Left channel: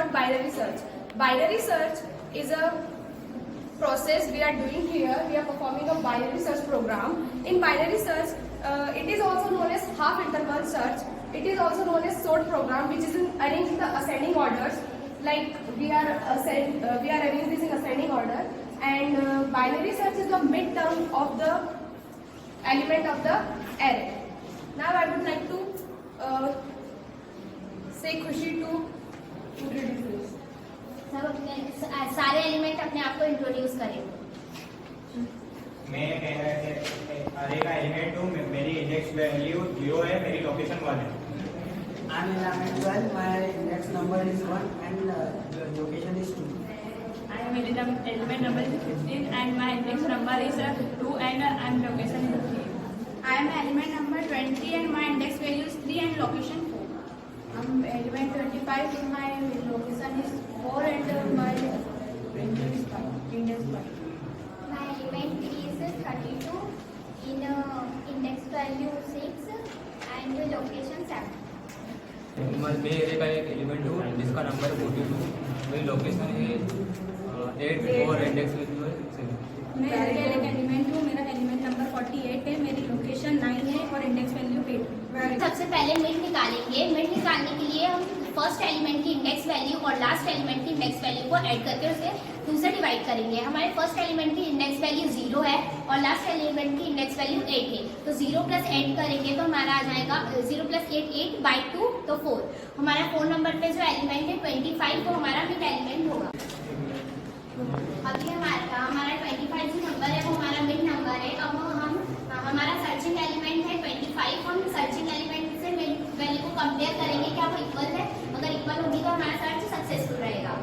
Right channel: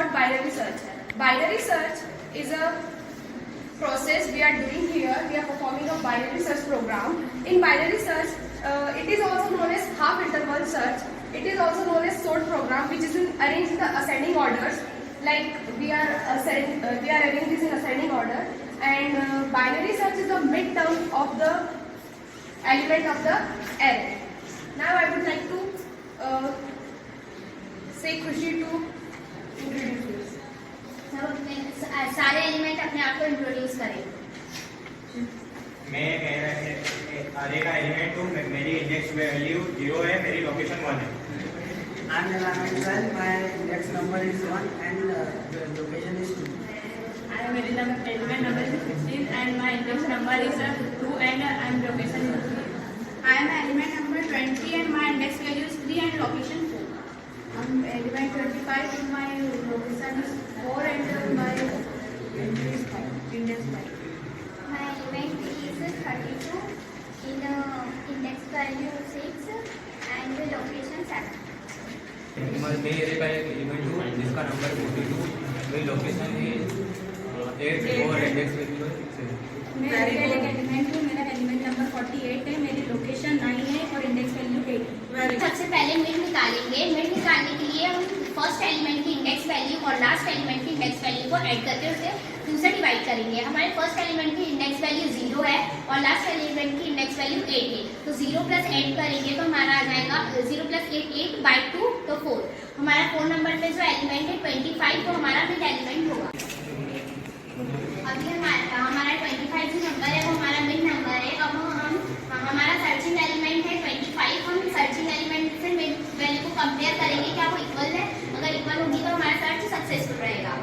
about binary search. Binary search is a process we are doing here. We are performing a binary search program. In binary search, it is also known as half interval search. It is also known as sort program, which is arranged in the ascending orders. Like we are arranging this in ascending order. And binary search is the midterm of the element of the array. Now I would like to say Khushi to introduce this. सारे element अपने आप को introduce करें. मैं कह रहा है अरे का एलिमेंट हूँ, मेरी इंडेक्स वैल्यू 0 है, मेरी लोकेशन 1 है. I am element 12, my index number is 1 and the location is 2. I am element number is 15 and my index number is 2 and location is 3. I am element number 20 and my index value is 3 and location 4. I am element 25 and my location is 4 and my index 5. My element is 32 in index value 6 and the location 7. मैं array का एक element हूँ जिसका number 42, मेरी location है 8 और index value है 6. मैं एरे का एक एलिमेंट हूँ, मेरा एलिमेंट नंबर 48 है, मेरी लोकेशन 9 है और इंडेक्स वैल्यू 8. सबसे पहले मिड निकालेंगे. मिड निकालने के लिए हम फर्स्ट एलिमेंट की इंडेक्स वैल्यू और लास्ट एलिमेंट की इंडेक्स वैल्यू को ऐड करके उसे 2 से डिवाइड करेंगे. हमारे फर्स्ट एलिमेंट की इंडेक्स वैल्यू 0 है और लास्ट एलिमेंट की इंडेक्स वैल्यू 8 है. तो 0 प्लस 8 करेंगे तो हमारा आ जाएगा 0 प्लस 8 बाई 2 तो 4. हमारा 4 नंबर पे जो एलिमेंट है 25 वो हमारा मिड एलिमेंट होगा. अभी हमारा 25 जो नंबर है वो हमारा मिड नंबर है. अब हमारा सर्चिंग एलिमेंट है 25. हम सर्चिंग एलिमेंट से मिड वैल्यू को कंपेयर करेंगे क्या वो इक्वल है. अगर इक्वल होगी तो हमारा सर्च सक्सेसफुल रहेगा.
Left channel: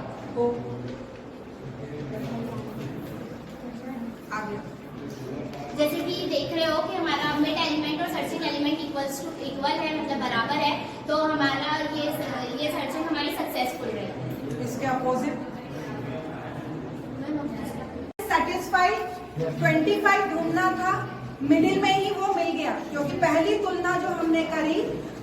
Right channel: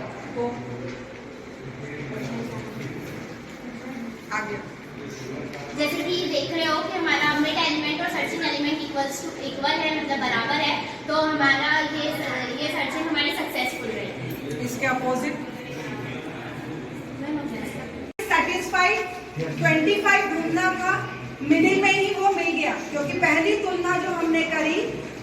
जैसे कि देख रहे हो कि हमारा मिड एलिमेंट और सर्चिंग एलिमेंट इक्वल है, मतलब बराबर है, तो हमारा ये सर्चिंग हमारी सक्सेसफुल रहेगी. इसके अपोजिट सेटिस्फाइड 25 ढूंढना था, मिडिल में ही वो मिल गया क्योंकि पहली तुलना जो हमने करी,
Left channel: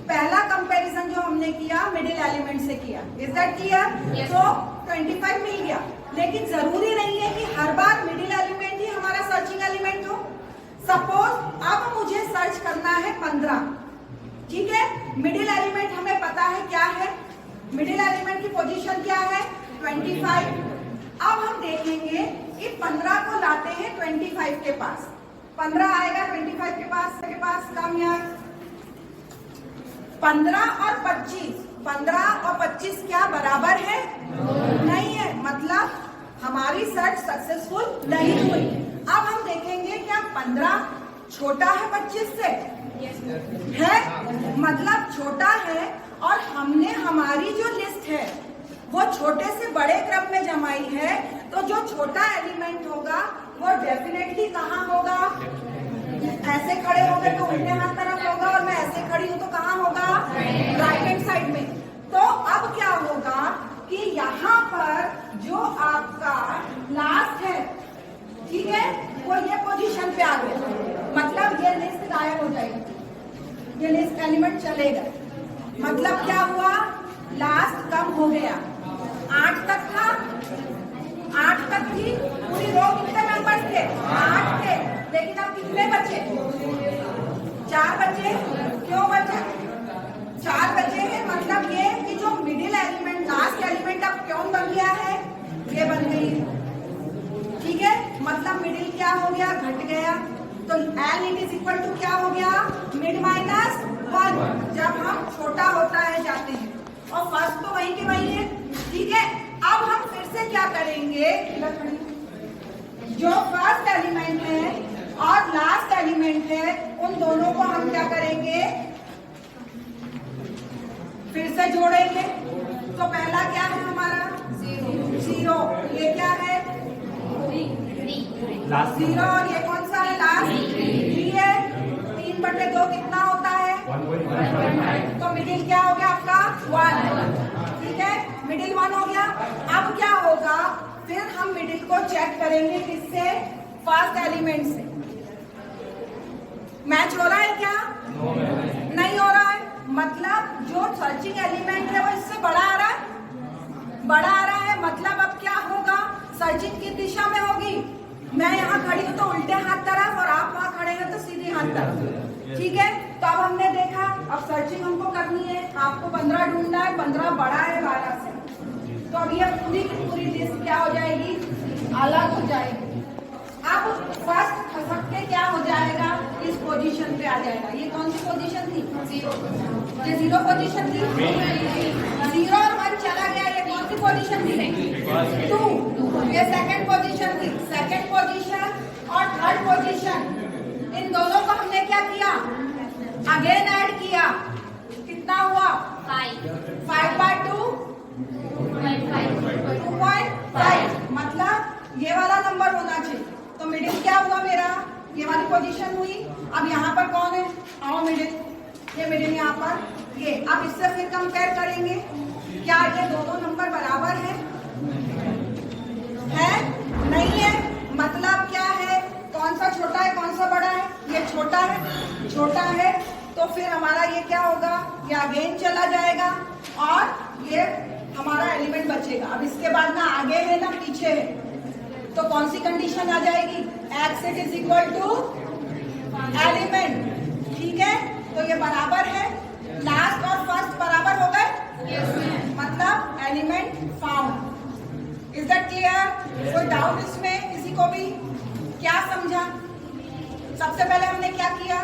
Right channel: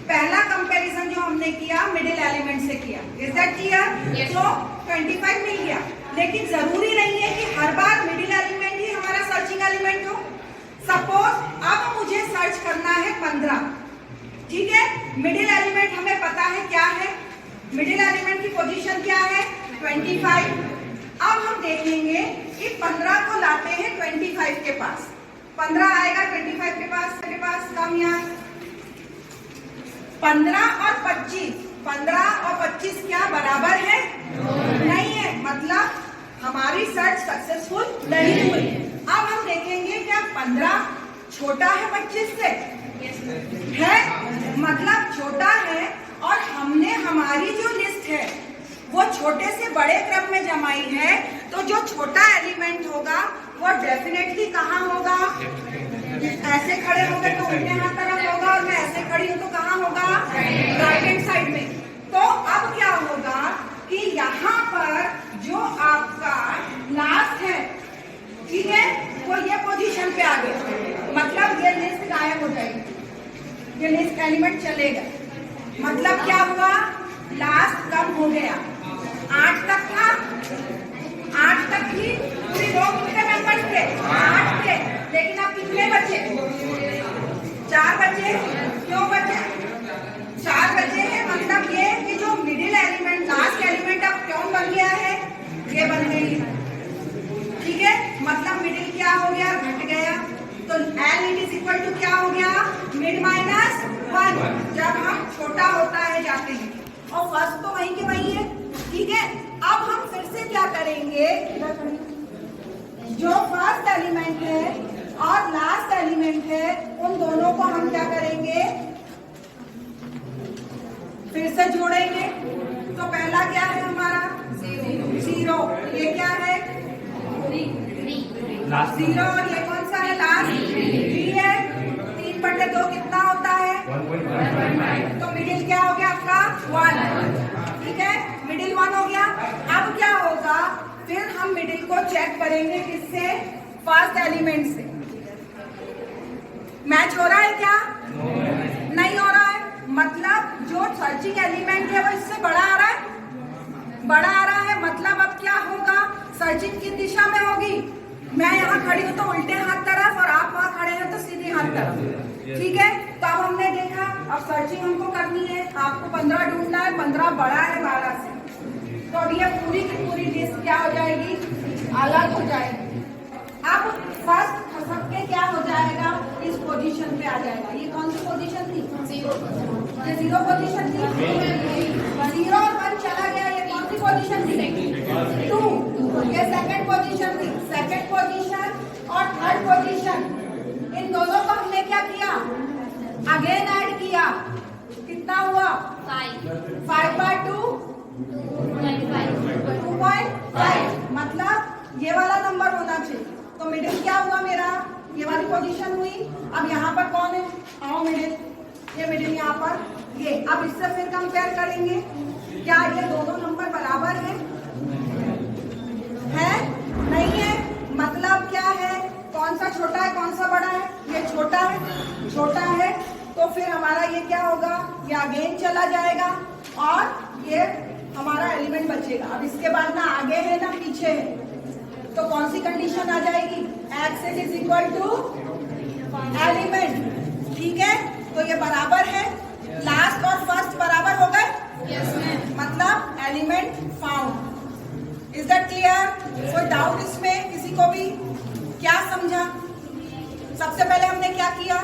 पहला कंपैरिजन जो हमने किया मिडिल एलिमेंट से किया. Is that clear? तो 25 मिल गया. लेकिन जरूरी नहीं है कि हर बार मिडिल एलिमेंट ही हमारा सर्चिंग एलिमेंट हो. सपोज अब मुझे सर्च करना है 15. ठीक है, मिडिल एलिमेंट हमें पता है क्या है, मिडिल एलिमेंट की पोजीशन क्या है 25. अब हम देखेंगे कि 15 को लाते हैं 25 के पास. 15 आएगा 25 के पास कम यार. 15 और 25 क्या बराबर है? नहीं है, मतलब हमारी सर्च सक्सेसफुल नहीं हुई. अब हम देखेंगे क्या 15 छोटा है 25 से? है, मतलब छोटा है. और हमने हमारी जो लिस्ट है वो छोटे से बड़े क्रम में जमाई है, तो जो छोटा एलिमेंट होगा वो डेफिनेटली कहाँ होगा? ऐसे खड़े होंगे तो उल्टे हाथ तरफ होगा, और मैं ऐसे खड़ी हूँ तो कहाँ होगा? राइट हैंड साइड में. तो अब क्या होगा कि यहाँ पर जो आपका लास्ट है, ठीक है, वो ये पोजीशन पे आ गया, मतलब ये लिस्ट गायब हो जाएगी, ये लिस्ट एलिमेंट चलेगा. मतलब क्या हुआ? लास्ट कम हो गया. 8 तक था, 8 तक की पूरी रो कितने मेंबर्स थे? 8 थे. लेकिन अब कितने बचे? 4 बचे. क्यों बचे? 4 बचे हैं, मतलब ये कि जो मिडिल एलिमेंट लास्ट एलिमेंट अब क्यों बन गया है? ये बन गई. ठीक है, मतलब मिडिल क्या हो गया? घट गया. तो L it is equal to क्या हो गया? Mid minus 1. जब हम छोटा होता है जाते हैं, और फर्स्ट तो वही के वही है. ठीक है, अब हम फिर से क्या करेंगे? जो फर्स्ट एलिमेंट है और लास्ट एलिमेंट है उन दोनों को हम क्या करेंगे? फिर से जोड़ेंगे. तो पहला क्या है हमारा? 0. ये क्या है? 0. और ये कौन सा है? लास्ट 3 है. 3/2 कितना होता है? 1.5. तो मिडिल क्या हो गया आपका? 1. ठीक है, मिडिल 1 हो गया. अब क्या होगा? फिर हम मिडिल को चेक करेंगे किससे? फर्स्ट एलिमेंट से. मैच हो रहा है क्या? नहीं हो रहा है. मतलब जो सर्चिंग एलिमेंट है वो इससे बड़ा आ रहा है? बड़ा आ रहा है, मतलब अब क्या होगा, सर्चिंग किस दिशा में होगी। मैं यहाँ खड़ी हूँ तो उल्टे हाथ तरफ और आप वहाँ खड़े हैं तो सीधे हाथ तरफ, ठीक है। तो अब हमने देखा, अब सर्चिंग हमको करनी है, आपको 15 ढूंढना है, 15 बड़ा है 12 से। तो अब ये पूरी की पूरी लिस्ट क्या हो जाएगी, अलग हो जाएगी। अब फर्स्ट खसक के क्या हो जाएगा, इस पोजीशन पे आ जाएगा। ये कौन सी पोजीशन थी, ये 0 पोजीशन थी, 0 और 1 चला गया। ये कौन सी पोजीशन थी, 2, ये सेकंड पोजीशन थी। सेकंड पोजीशन और थर्ड पोजीशन, इन दोनों को हमने क्या किया, अगेन ऐड किया। कितना हुआ, 5/2 2.5, मतलब ये वाला नंबर होना चाहिए। तो मिडिल क्या हुआ मेरा, ये वाली पोजीशन हुई। अब यहाँ पर कौन है, आओ मिडिल, ये मिडिल यहाँ पर ये। अब इससे फिर कंपेयर करेंगे, क्या ये दोनों नंबर बराबर है नहीं है, मतलब क्या है, कौन सा छोटा है कौन सा बड़ा है, ये छोटा है, छोटा है। तो फिर हमारा ये क्या होगा, ये अगेन चला जाएगा और ये हमारा एलिमेंट बचेगा। अब इसके बाद ना आगे है ना पीछे है, तो कौन सी कंडीशन आ जाएगी, x is equal to element, ठीक है। तो ये बराबर है, लास्ट और फर्स्ट बराबर हो गए, मतलब element found. Is that clear, कोई डाउट इसमें किसी को भी, क्या समझा। सबसे पहले हमने क्या किया,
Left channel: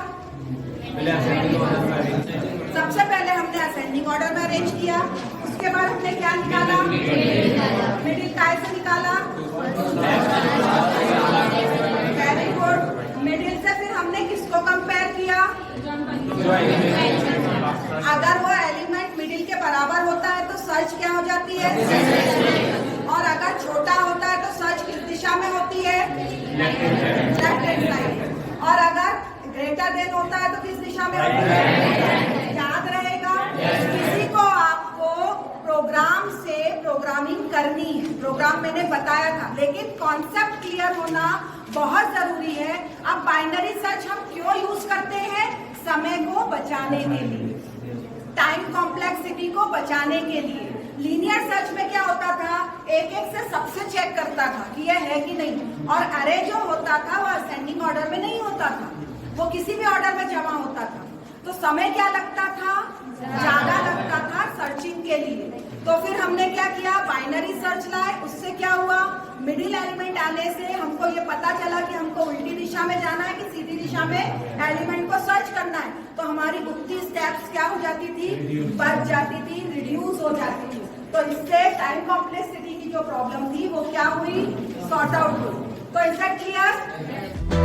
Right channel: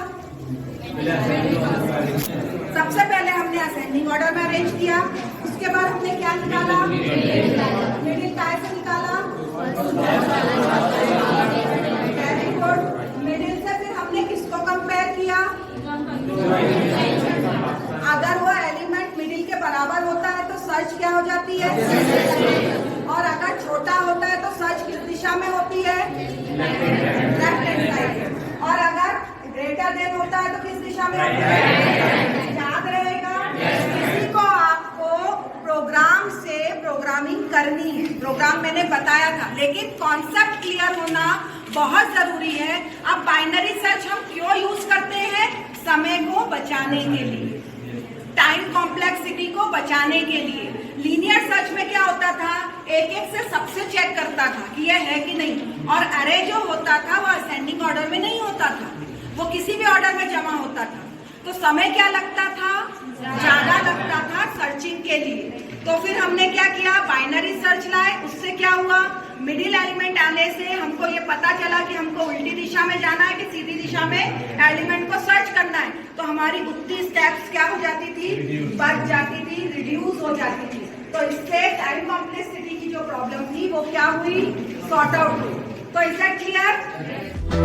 सबसे पहले हमने असेंडिंग ऑर्डर में अरेंज किया। उसके बाद हमने क्या निकाला, मिडिल कैसे निकाला, वेरी गुड। मिडिल से फिर हमने किसको कंपेयर किया, अगर वो एलिमेंट मिडिल के बराबर होता है तो सर्च क्या हो जाती है, और अगर छोटा होता है तो सर्च किस दिशा में होती है, लेफ्ट हैंड साइड, और अगर ग्रेटर देन होता है तो किस दिशा में होता है, याद रहेगा। किसी को आपको प्रोग्राम से प्रोग्रामिंग करनी है, प्रोग्राम मैंने बताया था, लेकिन कॉन्सेप्ट क्लियर होना बहुत जरूरी है। अब बाइनरी सर्च हम क्यों यूज करते हैं, समय को बचाने के लिए, टाइम कॉम्प्लेक्सिटी को बचाने के लिए। लीनियर सर्च में क्या होता था, एक एक से सबसे चेक करता था कि यह है कि नहीं, और अरे जो होता था वो असेंडिंग ऑर्डर में नहीं होता था, वो किसी भी ऑर्डर में जमा होता था। तो समय क्या लगता था, ज्यादा लगता था सर्चिंग के लिए। तो फिर हमने क्या किया, बाइनरी सर्च लाए। उससे क्या हुआ, मिडिल एलिमेंट आने से हमको ये पता चला कि हमको उल्टी दिशा में जाना है कि सीधी दिशा में एलिमेंट को सर्च करना है। तो हमारी उतनी स्टेप्स क्या हो जाती थी, बढ़ जाती थी, रिड्यूस हो जाती थी। तो इससे टाइम कॉम्प्लेक्सिटी की जो प्रॉब्लम थी वो क्या हुई, सॉर्ट आउट हुई। तो इज दैट क्लियर।